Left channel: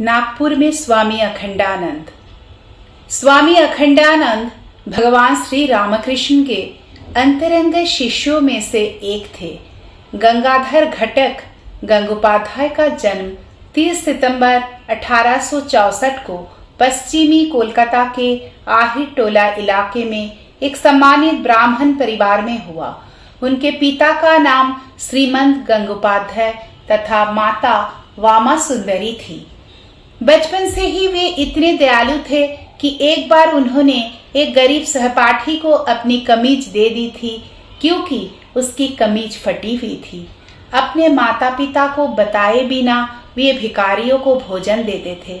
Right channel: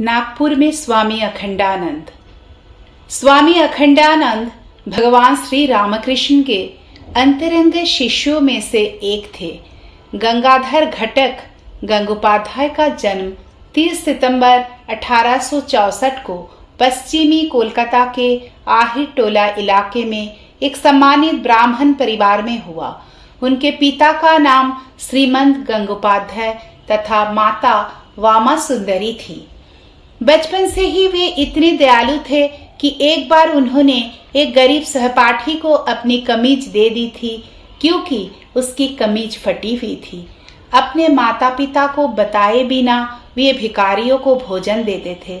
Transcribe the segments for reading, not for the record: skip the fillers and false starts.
नागपुर में स्वामी अखंडानंद। स्वामी अखंडानंद भगवान श्री रामकृष्ण के अंतरंग शिष्यों में से एक थे। गंगाधर घटक गंगोपाध्याय का जन्म 30 सितंबर 1864 को पश्चिमी कोलकाता के आहिर टोला इलाके में एक सम्मानित ब्राह्मण परिवार में हुआ। उनके पिता का नाम श्रीमंत गंगोपाध्याय तथा माता वामा सुंदरी थी। बचपन से ही वे इतने दयालु थे कि एक बार उन्होंने एक गरीब सहपाठी को अपनी कमीज दे दी थी, क्योंकि उसकी कमीज फटी हुई थी। अपने माता पिता को बताए बिना वे भिखारियों को भोजन देते थे।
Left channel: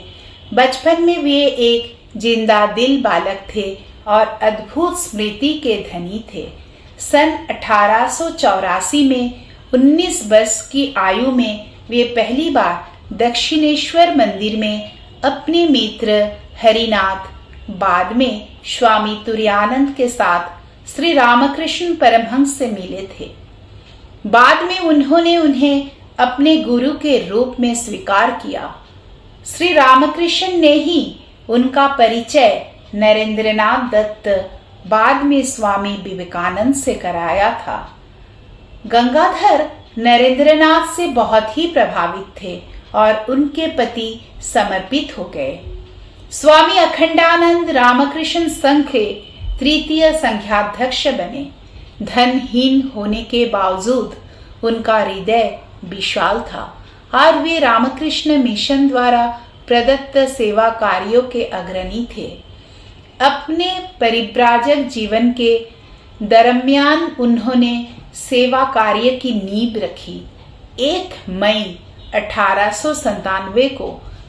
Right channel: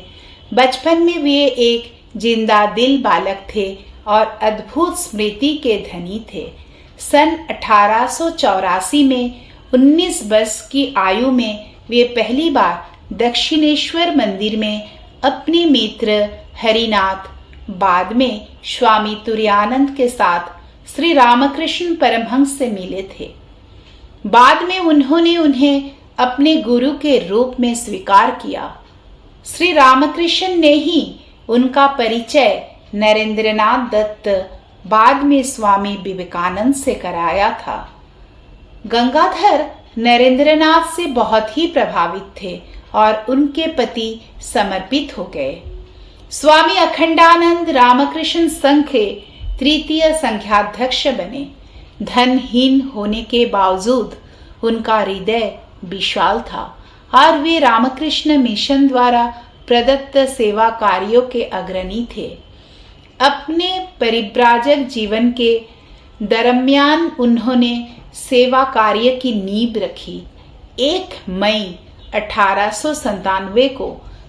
बचपन में वे एक जिंदा दिल बालक थे और अद्भुत स्मृति के धनी थे। सन 1884 में 19 वर्ष की आयु में वे पहली बार दक्षिणेश्वर मंदिर में अपने मित्र हरिनाथ, बाद में स्वामी तुरायानंद के साथ श्री रामकृष्ण परमहंस से मिले थे। बाद में उन्होंने उन्हें अपने गुरु के रूप में स्वीकार किया। श्री रामकृष्ण ने ही उनका परिचय नरेंद्रनाथ दत्त, बाद में स्वामी विवेकानंद से कराया था। गंगाधर नरेंद्रनाथ से बहुत ही प्रभावित थे और उनके प्रति समर्पित हो गए। स्वामी अखंडानंद रामकृष्ण संघ के तृतीय संघाध्यक्ष बने। धनहीन होने के बावजूद उनका हृदय विशाल था और वे रामकृष्ण मिशन द्वारा प्रदत्त सेवा कार्यों के अग्रणी थे। अपने परिव्राजक जीवन के दरमियान उन्होंने सेवा कार्य की नींव रखी। 1 मई 1897 को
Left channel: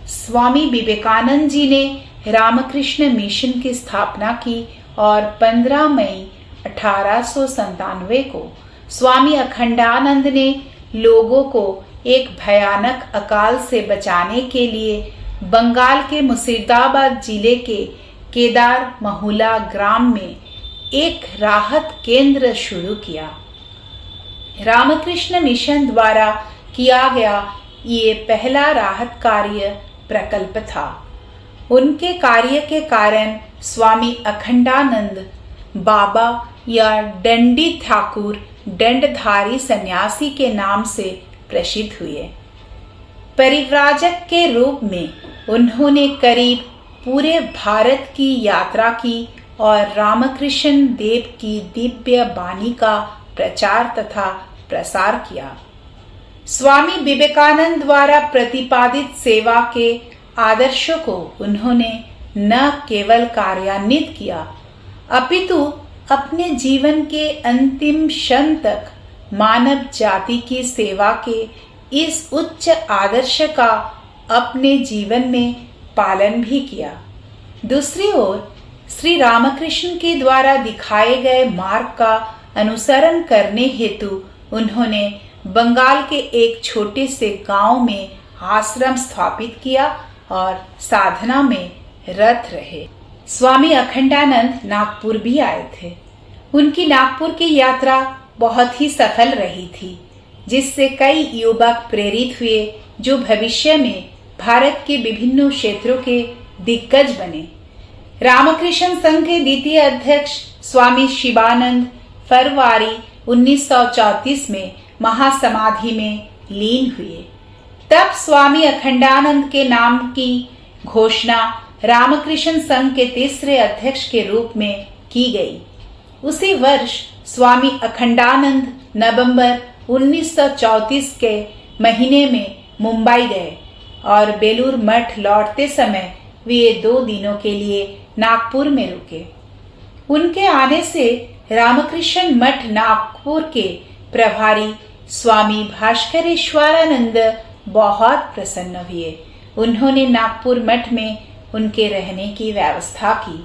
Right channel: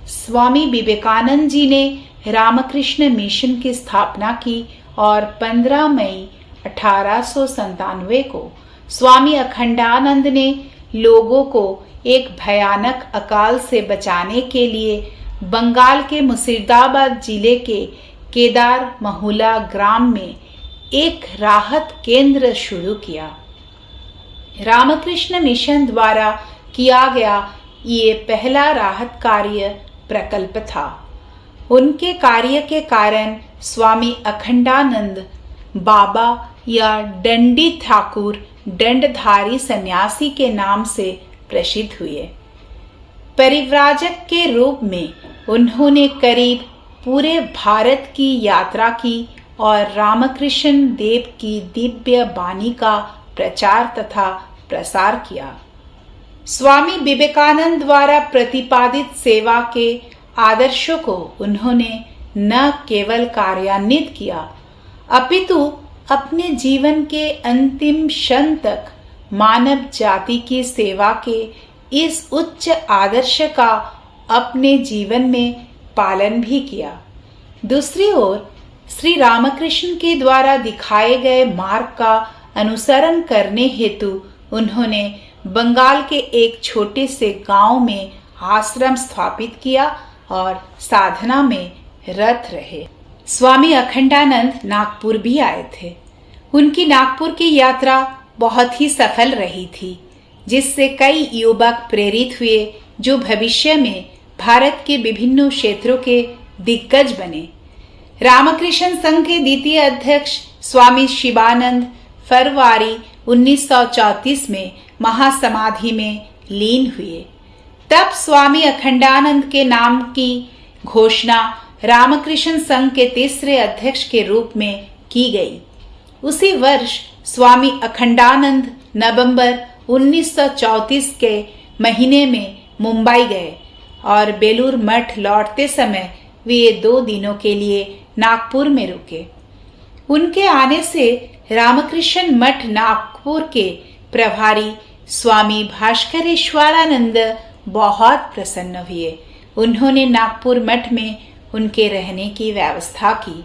स्वामी विवेकानंद जी ने रामकृष्ण मिशन की स्थापना की और 15 मई 1897 को स्वामी अखंडानंद ने लोगों को एक भयानक अकाल से बचाने के लिए बंगाल के मुर्शिदाबाद जिले के केदार महुला ग्राम में एक राहत केंद्र शुरू किया। रामकृष्ण मिशन द्वारा किया गया ये पहला राहत कार्य प्रकल्प था। उनके कार्य के कारण स्वामी अखंडानंद बाबा या डंडी ठाकुर दंडधारी सन्यासी के नाम से प्रसिद्ध हुए। परिव्राजक के रूप में उन्होंने करीब पूरे भारत की यात्रा की और रामकृष्ण देव की दिव्य वाणी का प्रचार तथा प्रसार किया। स्वामी विवेकानंद द्वारा प्रतिपादित सेवा के आदर्शों को उन्होंने न केवल कार्यान्वित किया, अपितु अपने जीवन के अंतिम क्षण तक मानव जाति की सेवा के इस उच्च आदर्श का अपने जीवन में पालन भी किया। दूसरी ओर श्री रामकृष्ण के द्वारा दिखाए गए मार्ग का अनुसरण करने हेतु उन्होंने बंगाल के एक छोटे से गांव में आश्रम स्थापित किया और साधना में रत रहे। स्वामी अखंडानंद नागपुर भी आए थे। उनकी नागपुर की यात्रा बहुत ही सफल रही थी, जिससे कई युवक प्रेरित हुए जो भविष्य में भारत के विभिन्न क्षेत्रों के दिग्गज बने। रामकृष्ण संघ के द्वितीय अध्यक्ष स्वामी शिवानंद फरवरी 1934 में महासमाधि में लीन हुए। तब स्वामी अखंडानंद के नाम की घोषणा रामकृष्ण संघ के तीसरे अध्यक्ष के रूप में की गई। उसी वर्ष स्वामी अखंडानंद नवंबर 1934 के महीने में मुंबई गए और बेलूर मठ लौटते समय वे 2 दिनों के लिए नागपुर में रुके। उनके आने से रामकृष्ण मठ नागपुर के प्रभारी स्वामी भास्करेश्वरानंद बहुत प्रसन्न हुए। उन्होंने नागपुर मठ में उनके रहने की व्यवस्था की।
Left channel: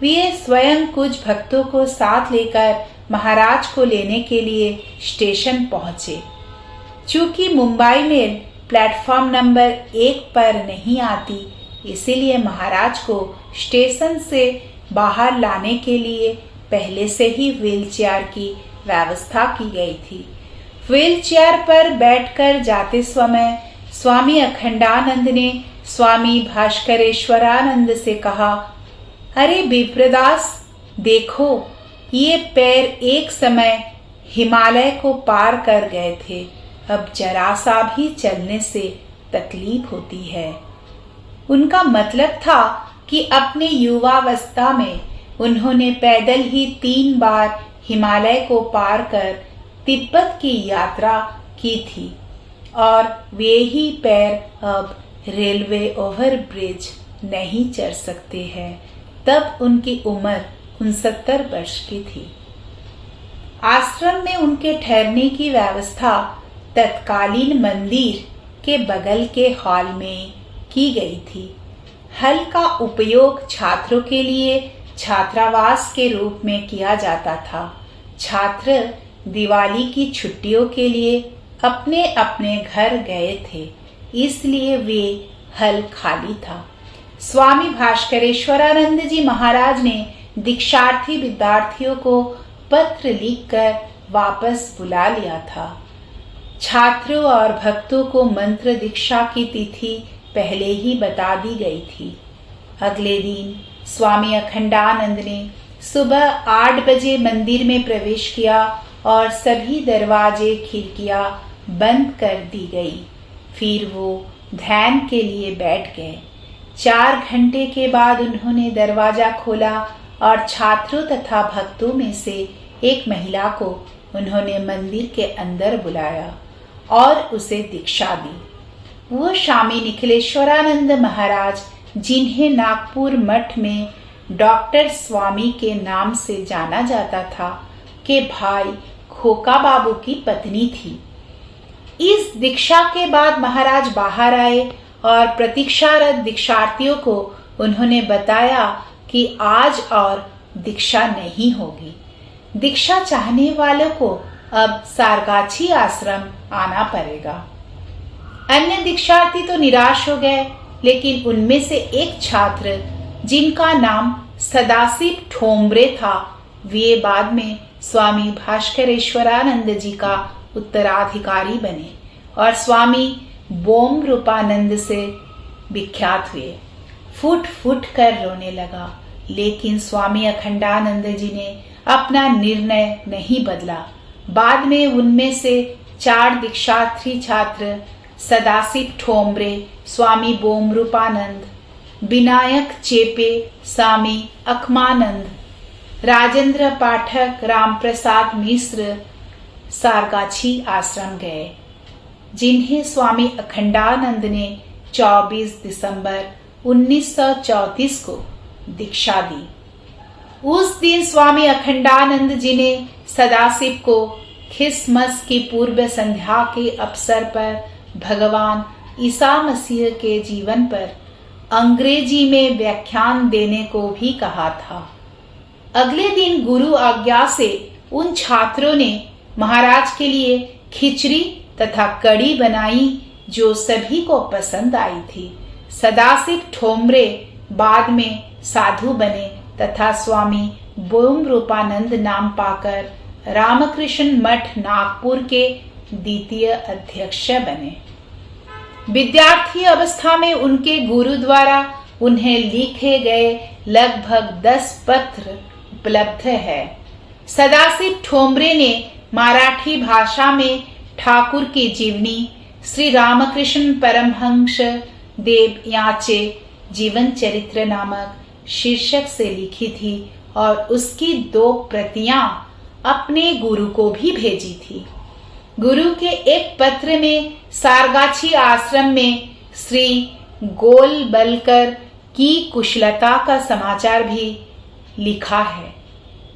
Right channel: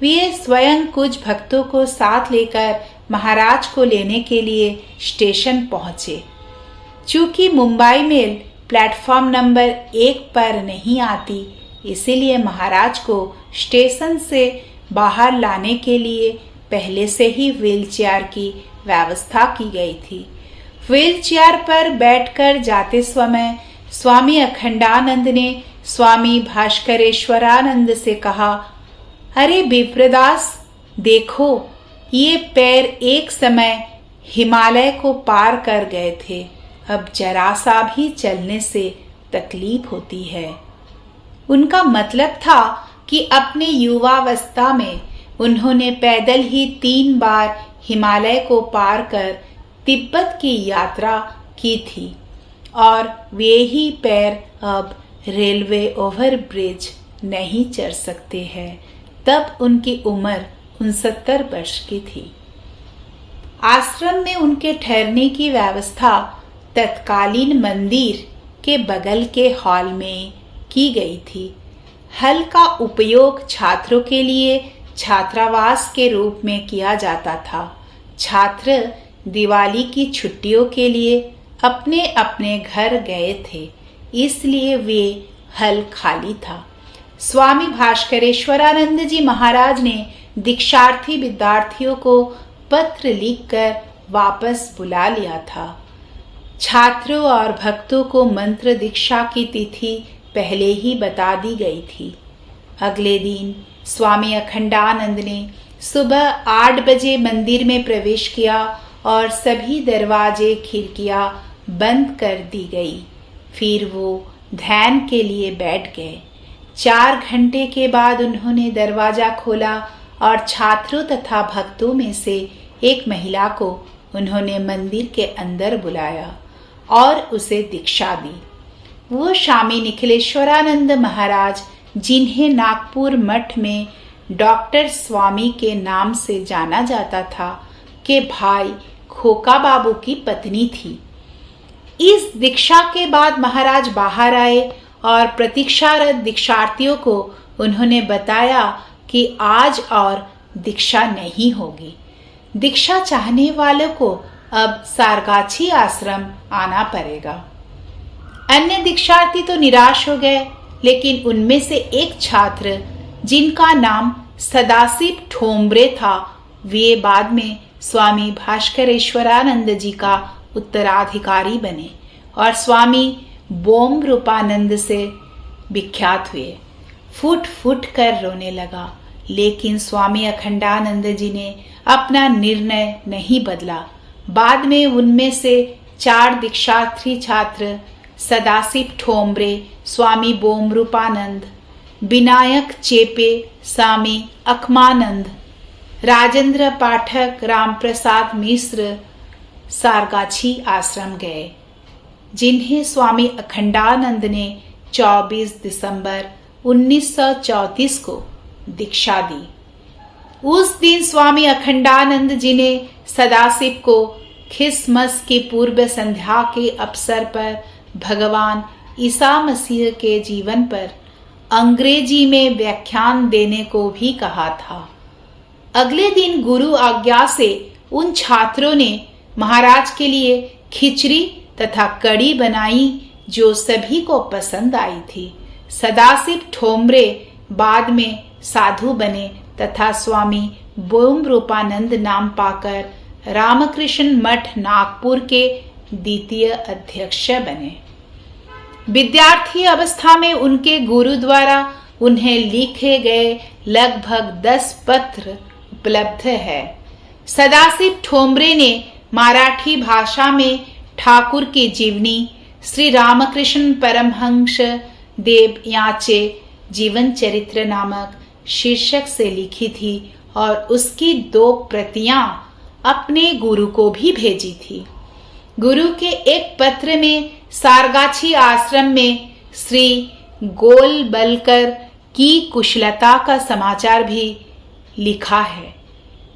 वे स्वयं कुछ भक्तों को साथ लेकर महाराज को लेने के लिए स्टेशन पहुंचे। चूंकि मुंबई मेल प्लेटफॉर्म नंबर 1 पर नहीं आती, इसीलिए महाराज को स्टेशन से बाहर लाने के लिए पहले से ही व्हीलचेयर की व्यवस्था की गई थी। व्हीलचेयर पर बैठकर जाते समय स्वामी अखंडानंद ने स्वामी भास्करेश्वरानंद से कहा, अरे विप्रदास, देखो, ये पैर एक समय हिमालय को पार कर गए थे, अब जरा सा भी चलने से तकलीफ होती है। उनका मतलब था कि अपने युवावस्था में उन्होंने पैदल ही 3 बार हिमालय को पार कर तिब्बत की यात्रा की थी और वे ही पैर अब रेलवे ओवरब्रिज नहीं चढ़ सकते हैं। तब उनकी उम्र 69 वर्ष की थी। आश्रम में उनके ठहरने की व्यवस्था तत्कालीन मंदिर के बगल के हॉल में की गई थी। हल का उपयोग छात्रों के लिए छात्रावास के रूप में किया जाता था। छात्र दिवाली की छुट्टियों के लिए अपने अपने घर गए थे, इसलिए वे हल खाली था। स्वामी भास्करेश्वरानंद जी महाराज ने दीक्षार्थी विद्यार्थियों को पत्र लिखकर वापस बुला लिया था। छात्रों और भक्तों को मंत्र दीक्षा की तिथि पहले ही बता दी गई थी। अगले दिन स्वामी अखंडानंद ने सुबह 8 बजे मंदिर में प्रवेश किया और सभी दरवाजे खिड़कियां बंद कर दी गई। फिर वो ध्यान के लिए बैठ गए। 4 घंटे के बाद उन्होंने दरवाजा खोला और छात्रों तथा भक्तों में से एक महिला को उन्होंने मंदिर के अंदर बुलाया और उसे दीक्षा दी। वो स्वामी निखिलेश्वरानंद महाराज, जिन्हें नागपुर मठ में डॉक्टर स्वामी के नाम से जाना जाता था, के भाई खोका बाबू की पत्नी थी। इस दीक्षा के बाद महाराज बाहर आए और प्रतीक्षारत दीक्षार्थियों को उन्होंने बताया कि आज और दीक्षा नहीं होगी। दीक्षा चाहने वालों को अब सारगाछी आश्रम आना पड़ेगा। अन्य दीक्षार्थी तो निराश हो गए, लेकिन उनमें से एक छात्र, जिनका नाम सदाशिव ठोंबरे था, वे बाद में स्वामी भास्करेश्वरानंद जी का उत्तराधिकारी बने और स्वामी बोम रूपानंद से विख्यात हुए। फुट फुट कर रोने लगा, लेकिन स्वामी अखंडानंद जी ने अपना निर्णय नहीं बदला। बाद में उनमें से 4 दीक्षार्थी छात्र सदाशिव ठोंबरे, स्वामी बोम रूपानंद, विनायक चेपे, स्वामी अखमानंद, राजेंद्र पाठक, राम प्रसाद मिश्र सारगाछी आश्रम गए, जिन्हें स्वामी अखंडानंद ने 24 दिसंबर 1934 को दीक्षा दी। उस दिन स्वामी अखंडानंद जी ने सदाशिव को क्रिसमस की पूर्व संध्या के अवसर पर भगवान ईसा मसीह के जीवन पर अंग्रेजी में व्याख्यान देने को भी कहा था। अगले दिन गुरु आज्ञा से उन छात्रों ने महाराज के लिए खिचड़ी तथा कड़ी बनाई, जो सभी को पसंद आई थी। सदाशिव ठोंबरे बाद में साधु बने तथा स्वामी बोम रूपानंद नाम पाकर रामकृष्ण मठ नागपुर के द्वितीय अध्यक्ष बने। विद्यार्थी अवस्था में उनके गुरु द्वारा उन्हें लिखे गए लगभग 10 पत्र उपलब्ध है। सदाशिव ठोंबरे ने मराठी भाषा में ठाकुर की जीवनी, श्री रामकृष्ण परमहंस देव यांचे जीवन चरित्र नामक शीर्षक से लिखी थी और उसकी 2 प्रतियां अपने गुरु को भी भेजी थी। गुरु के एक पत्र में सारगाछी आश्रम में श्री गोलबलकर की कुशलता का समाचार भी लिखा है।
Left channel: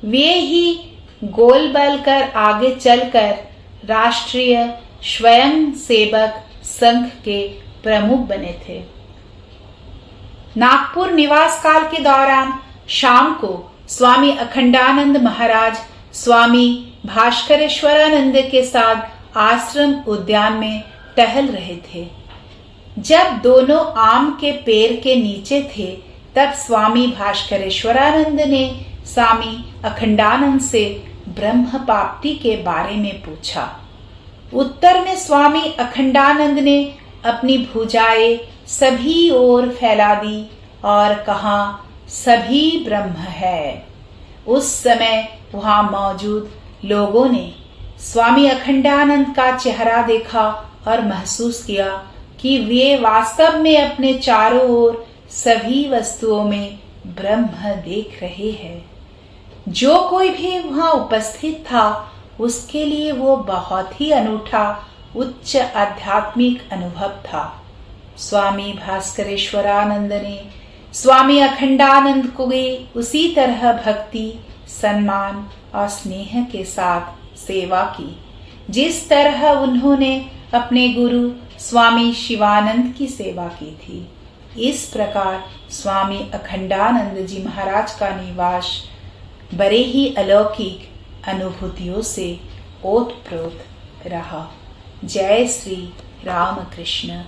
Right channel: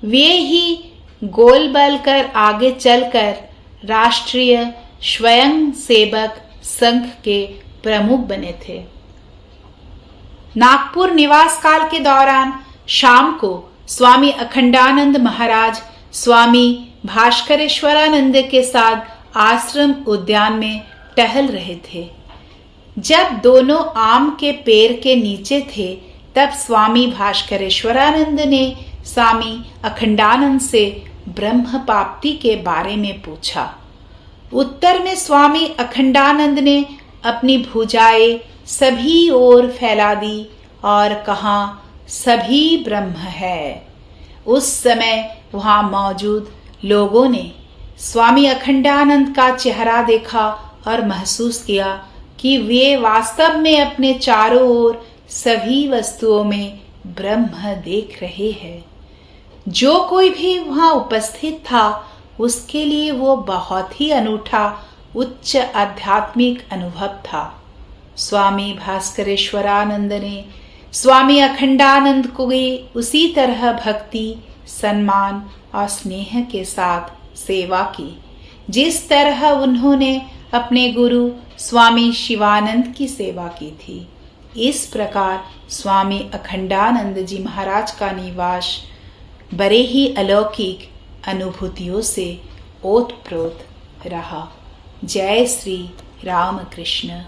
वे ही गोलबलकर आगे चलकर राष्ट्रीय स्वयंसेवक संघ के प्रमुख बने थे। नागपुर निवास काल के दौरान शाम को स्वामी अखंडानंद महाराज स्वामी भास्करेश्वरानंद के साथ आश्रम उद्यान में टहल रहे थे। जब दोनों आम के पेड़ के नीचे थे, तब स्वामी भास्करेश्वरानंद ने स्वामी अखंडानंद से ब्रह्म प्राप्ति के बारे में पूछा। उत्तर में स्वामी अखंडानंद ने अपनी भुजाएं सभी ओर फैला दी और कहा, सभी ब्रह्म है। उस समय वहां मौजूद लोगों ने स्वामी अखंडानंद का चेहरा देखा और महसूस किया कि वे वास्तव में अपने चारों ओर सभी वस्तुओं में ब्रह्म देख रहे हैं। जो कोई भी वहां उपस्थित था उसके लिए वो बहुत ही अनूठा उच्च आध्यात्मिक अनुभव था। स्वामी भास्करेश्वरानंद ने स्वामी अखंडानंद को भी उसी तरह भक्ति, सम्मान और स्नेह के साथ सेवा की जिस तरह उन्होंने अपने गुरु स्वामी शिवानंद की सेवा की थी। इस प्रकार स्वामी अखंडानंद जी महाराज का निवास बड़े ही अलौकिक अनुभूतियों से ओतप्रोत रहा। जय श्री राम कृष्ण।